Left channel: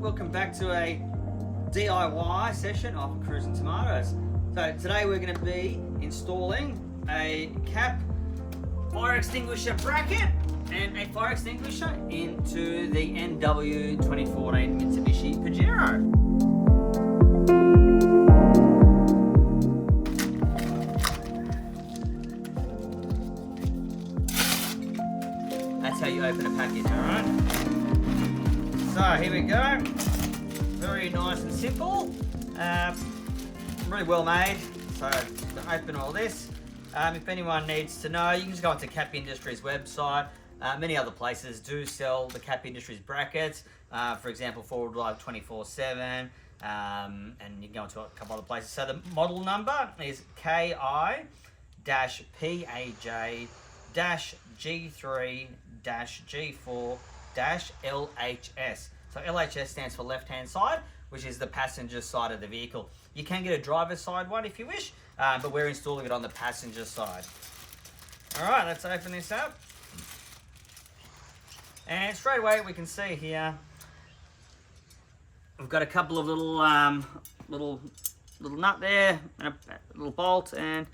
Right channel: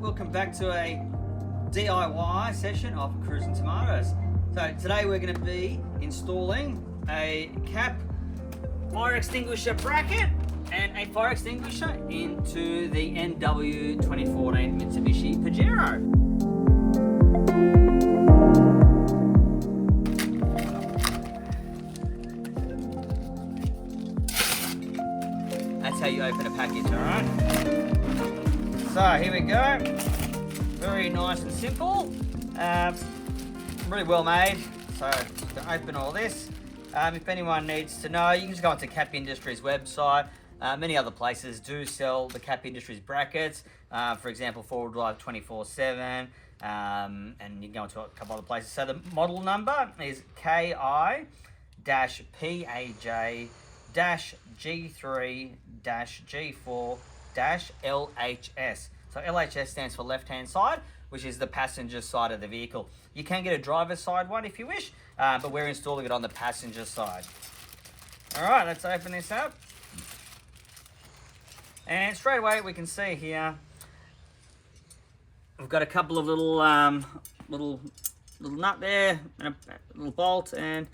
welcome back to a DIY session of Cruising Tomatoes. So today we're going to be installing a cap fire extinguisher bracket and a fire extinguisher into the NW 2014 Mitsubishi Pajero. That's how you open a package, alright? So here we go. Very nice and simple. Really well made. So just gonna open all this. If anyone needs to know, you can just go onto Cap Industries website. Many other places do sell the Cap Industries brackets. For example, Forward Drive 24/7, and you can go into a couple other places. So the model number is KI-P-A-J-G3-G4-LHS. So LHS stands for left-hand side, which is the passenger side of the vehicle. You can get a driver's side one if you wish, but we're installing it on the passenger side. All right, let's open this up. And straight away we can see here, we've got a couple of little little nut there and a little bolt, and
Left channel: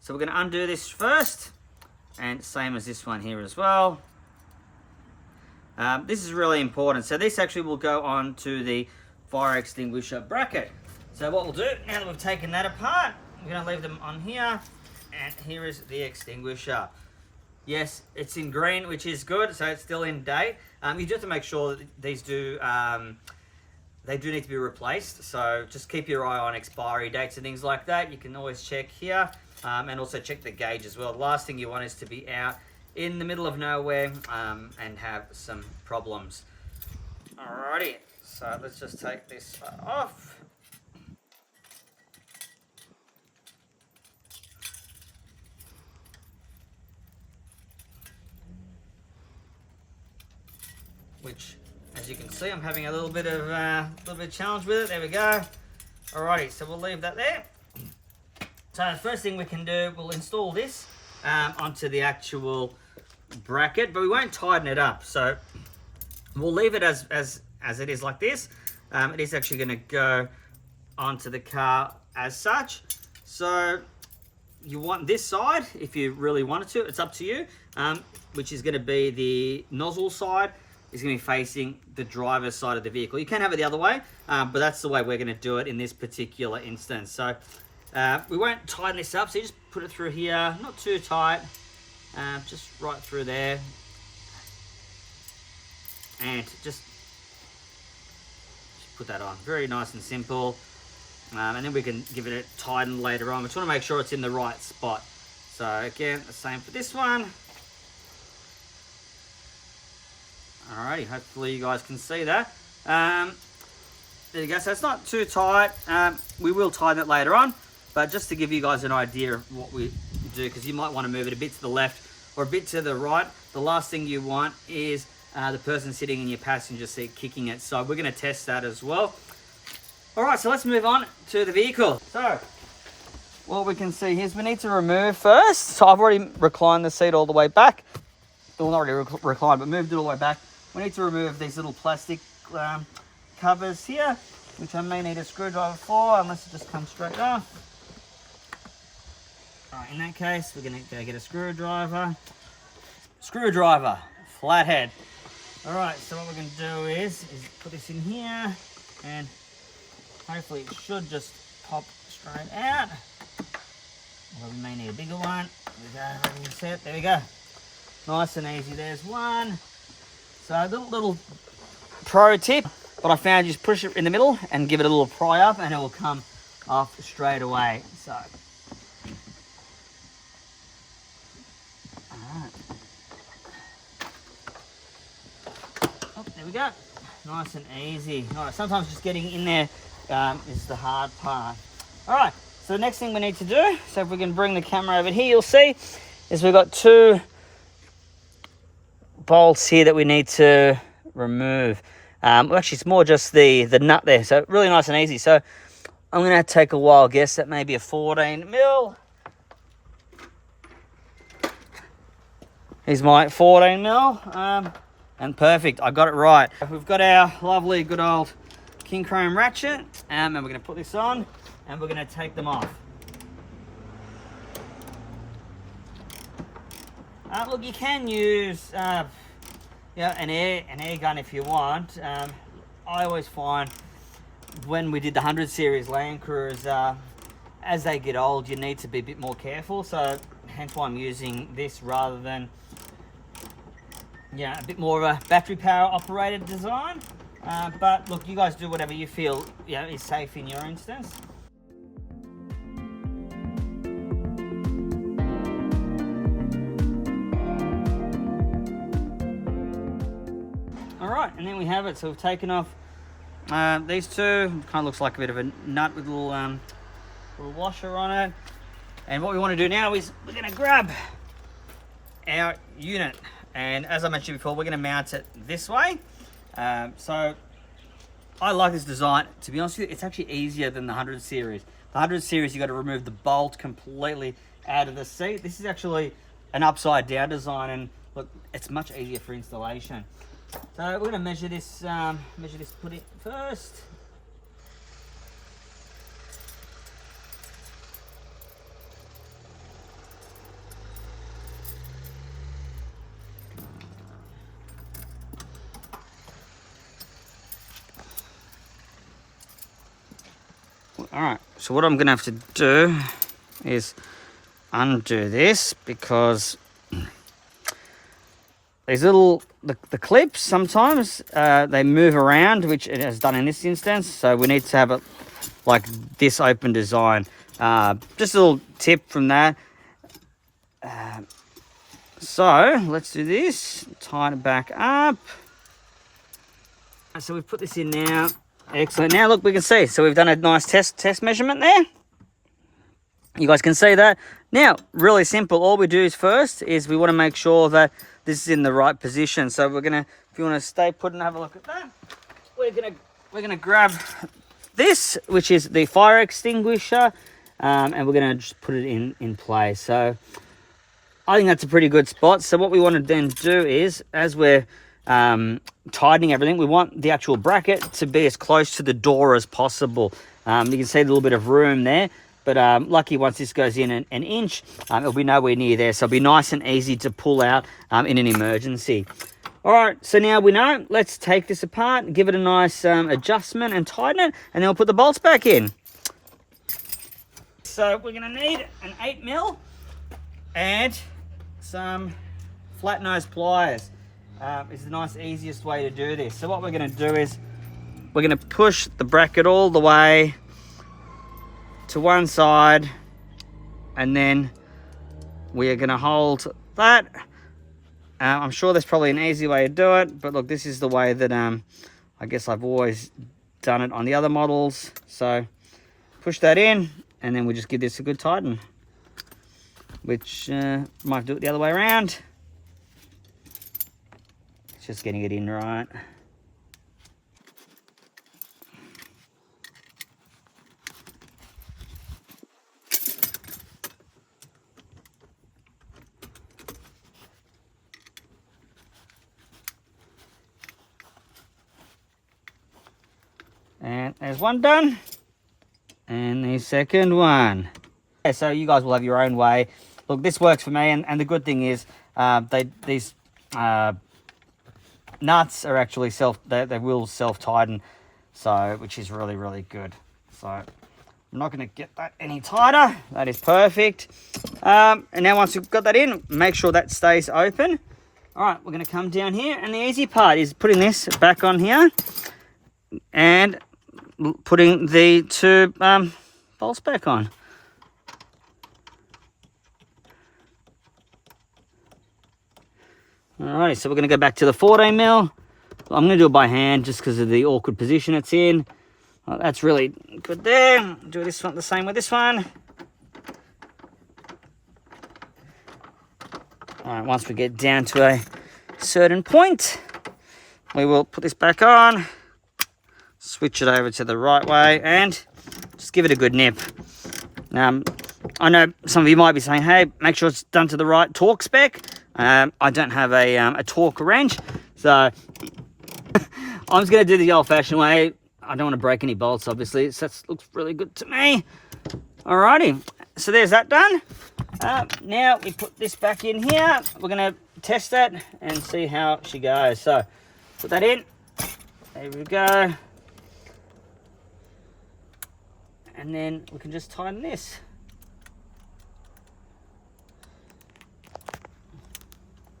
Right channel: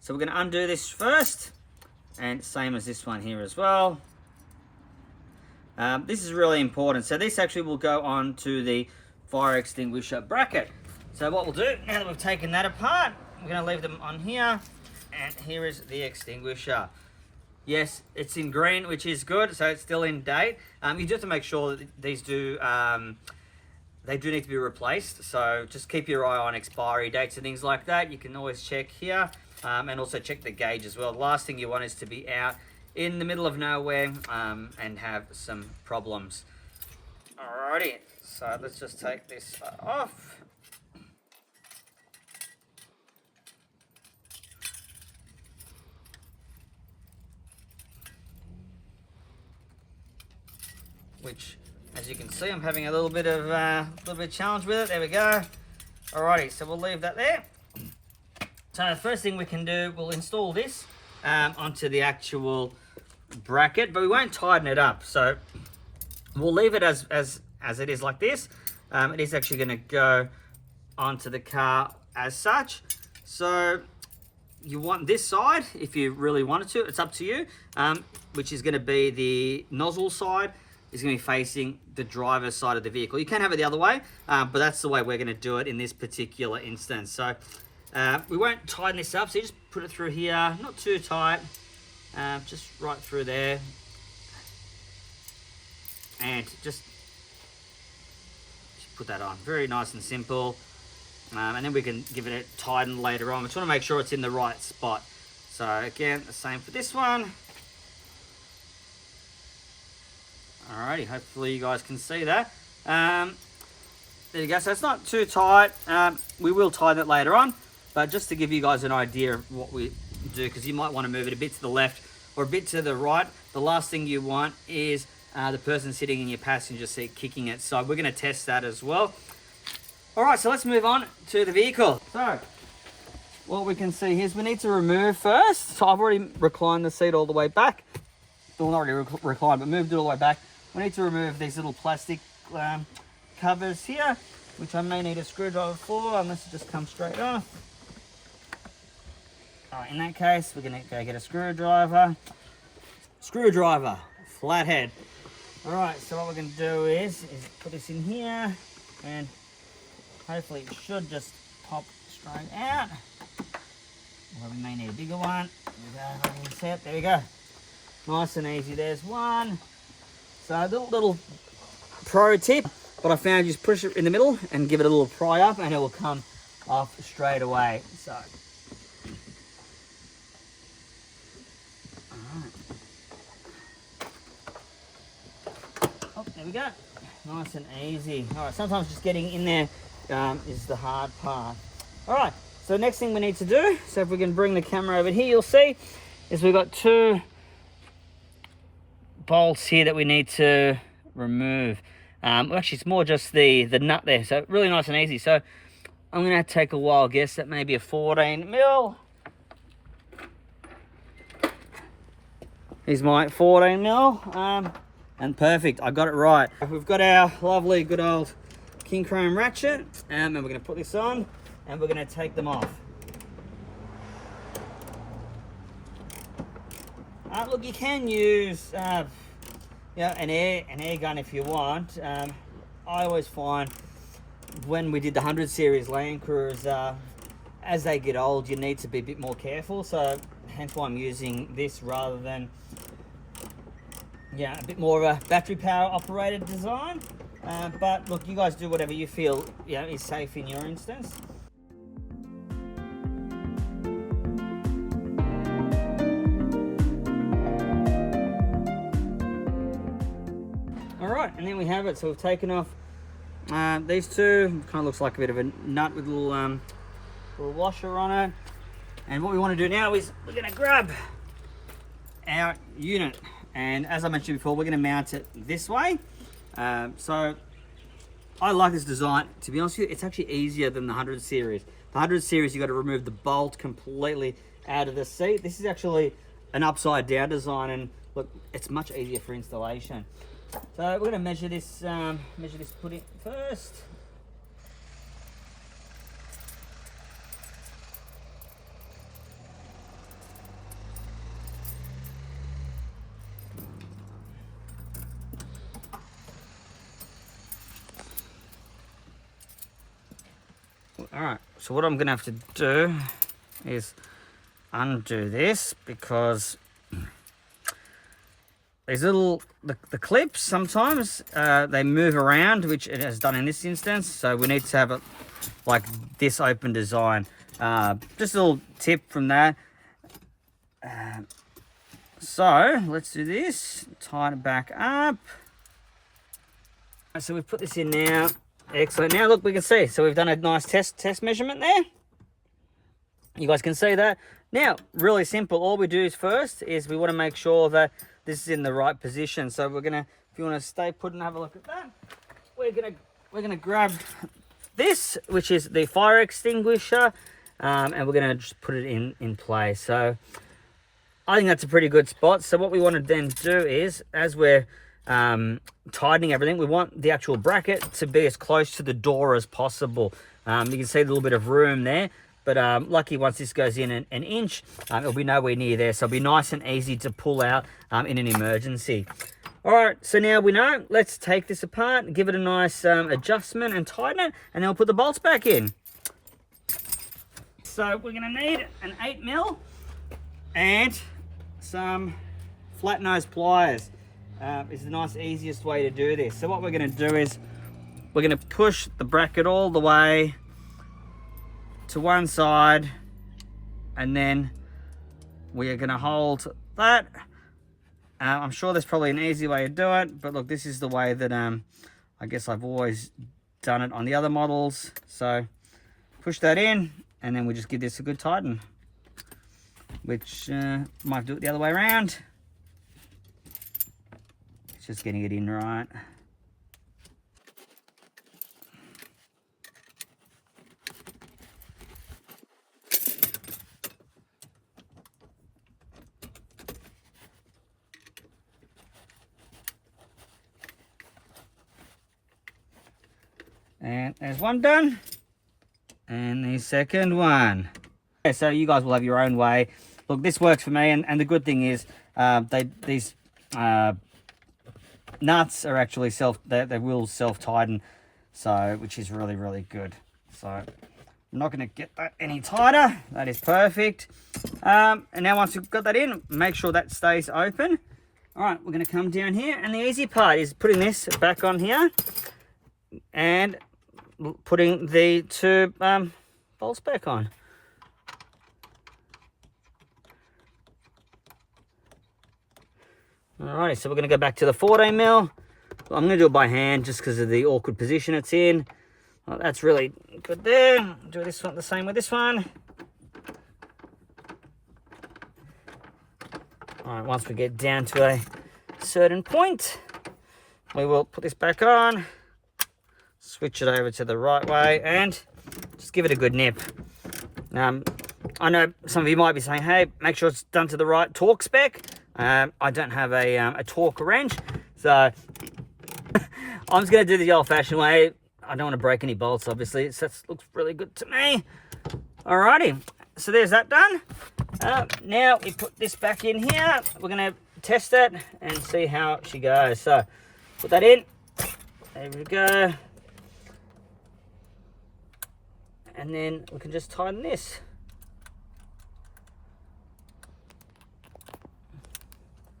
so we're going to undo this first, and same as this one here as well. This is really important. So this actually will go on to the fire extinguisher bracket. So what we'll do, now that we've taken that apart, we're going to leave them on here, and here is the extinguisher. Yes, it's in green, which is good, so it's still in date. You do have to make sure that these they do need to be replaced, so just keep your eye on expiry dates and things like that. You can always check here, and also check the gauge as well. The last thing you want is to be out in the middle of nowhere and have some problems. Alrighty, so let's just take this off. Which, as you can see, I'm having a little bit of challenge with it. There we go. Alrighty, so we'll leave that there. So the first thing we can do, we'll install this onto the actual bracket, but we won't tighten it up. So we'll leave it as it is like this. It is actually going to go onto the car as such. So you want this side, if you really wanted to, it's up to you, which is going to be the nozzle side, is going to be facing the driver's side of the vehicle. You can have it the other way, but that's the way we're going to do it in this particular instance. So we won't tighten this up, so you just put it through here, not too tight, just right through there, and just put that on. Very nice and simple, and then we can give it a tighten later on. We just want to make sure it's in the right spot. So again, the same for this one. Alrighty, hopefully you guys can see that. There you go, so it's not too tight. We will tighten it later on, but just to give you guys an idea of what we do, because you might want to move it a bit to the left or a bit to the right. The last thing you want is the person sitting in your passenger seat kicking it. So we're going to test that as well. Alright, so let's move on to the vehicle. So what we can see here is we need to remove first. So I've already reclined the seat all the way back. Well, not already reclined, but moved it all the way back. We need to remove these little plastic covers here, which I may need a screwdriver for, unless it just comes straight off. Alright, in that case, we're going to go get a screwdriver. Screwdriver, flathead. Alright, so what we're going to do is put this in here, and hopefully it should just pop straight out. Well, we may need a bigger one. There we go, ready and set. There we go. Nice and easy, there's one. So a little pro tip, what I found, just push it in the middle and give it a little pry up, and it will come off straight away. So, alright. Oh, there we go. Nice and easy. Alright, sometimes just getting in there is the hard part. Alright, so the next thing we need to do, so if we can bring the camera over here, you'll see, is we've got two bolts here that we need to remove. Actually, it's more just the nut there, so really nice and easy. So I'm going to take a wild guess at maybe a 14 mil. Here's my 14 mil. And perfect, I got it right. We've got our lovely good old king chrome ratchet, and we're going to put this on and we're going to take them off. Look, you can use an air gun if you want. I always find when we did the 100 series Land Cruiser, as they get old, you need to be a bit more careful. So hence why I'm using this rather than a bit more of a battery power operated design. But look, you guys do whatever you feel is safe in your instance. All right, and then we have it. So we've taken off these two. Kind of looks like a bit of a nut with a little washer on it. And what we want to do now is we're going to grab our unit. And as I mentioned before, we're going to mount it this way. So I like this design. To be honest with you, it's actually easier than the 100 series. The 100 series, you've got to remove the bolt completely out of the seat. This is actually an upside down design, and look, it's much easier for installation. So we're going to measure this put it first. All right, so what I'm going to have to do is undo this, because these little, the clips, sometimes they move around, which it has done in this instance. So we need to have it like this open design. Just a little tip from that. So let's do this, tighten it back up. So we've put this in now. Excellent. Now look, we can see. So we've done a nice test measurement there. You guys can see that. Now, really simple. All we do is first is we want to make sure that this is in the right position. So we're gonna, if you want to stay put and have a look at that, we're gonna grab this, which is the fire extinguisher, and we're gonna just put it in place. So I think that's a pretty good spot. So what we want to then do is, as we're tightening everything, we want the actual bracket to be as close to the door as possible. You can see a little bit of room there, but lucky once this goes in an inch, it'll be nowhere near there, so it'll be nice and easy to pull out in an emergency. All right, so now we know. Let's take this apart, give it a nice adjustment and tighten it, and then we'll put the bolts back in. So we're gonna need an 8mm and some flat nose pliers. Is the nice easiest way to do this. So what we're going to do is we're going to push the bracket all the way to one side, and then we are going to hold that. I'm sure there's probably an easy way to do it, but look, this is the way that I guess I've always done it on the other models. So push that in, and then we just give this a good tighten, which might do it the other way around. Just getting it in right. And there's one done. And the second one. Okay, so you guys will have your own way. Look, this works for me, and the good thing is these nuts are actually they will self-tighten, so which is really good. So I'm not going to get that any tighter. That is perfect. And now once you've got that in, make sure that stays open. All right, we're going to come down here, and the easy part is putting this back on here and putting the two bolts back on. Alright, so we're going to go back to the 14mm. I'm going to do it by hand just because of the awkward position it's in. Well, that's really good there. Do this one the same with this one. Alright, once we get down to a certain point, we will put this back on, switch it over to the right way, and just give it a good nip. I know some of you might be saying, hey, make sure it's done to the right torque spec. I don't have a torque wrench. So I'm just going to do the old-fashioned way. I don't want to break any bolts, obviously. So that looks really good to me. Alrighty, so there's that done. Now we put this back in here. We're going to test it and see how she goes. So put that in. There we go. And then we can just tighten this.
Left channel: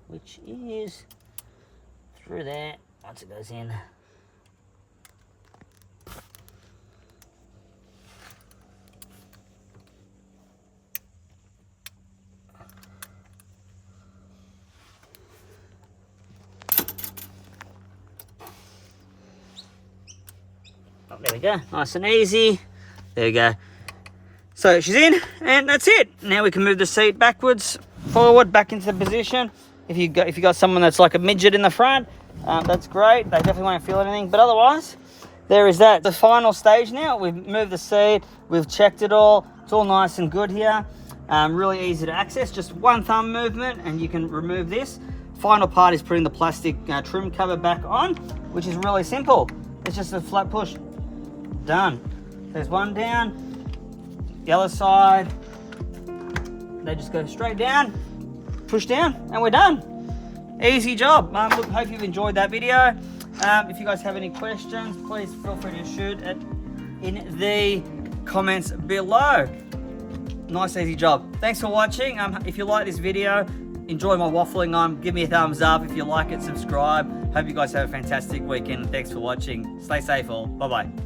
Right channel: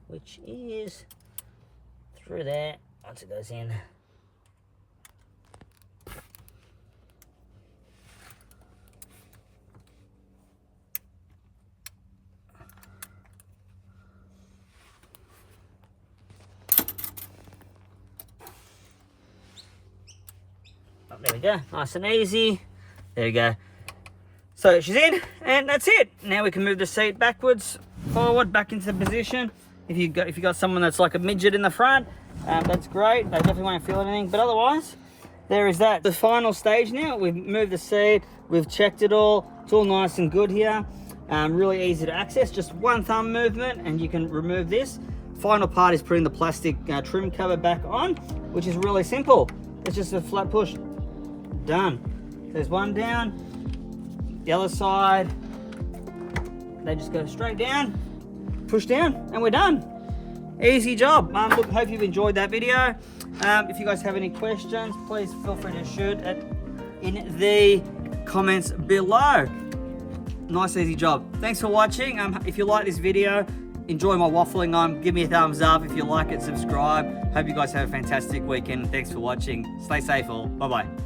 Which is through there once it goes in. Oh, there we go, nice and easy. There we go. So she's in, and that's it. Now we can move the seat backwards, forward, back into the position. If you got someone that's like a midget in the front, that's great. They definitely won't feel anything. But otherwise, there is that. The final stage now. We've moved the seat. We've checked it all. It's all nice and good here. Really easy to access. Just one thumb movement, and you can remove this. Final part is putting the plastic trim cover back on, which is really simple. It's just a flat push. Done. There's one down. The other side. They just go straight down. Push down, and we're done. Easy job. Look, hope you've enjoyed that video. If you guys have any questions, please feel free to shoot it in the comments below. Nice, easy job. Thanks for watching. If you like this video, enjoy my waffling on, give me a thumbs up. If you like it, subscribe. Hope you guys have a fantastic weekend. Thanks for watching. Stay safe all. Bye-bye.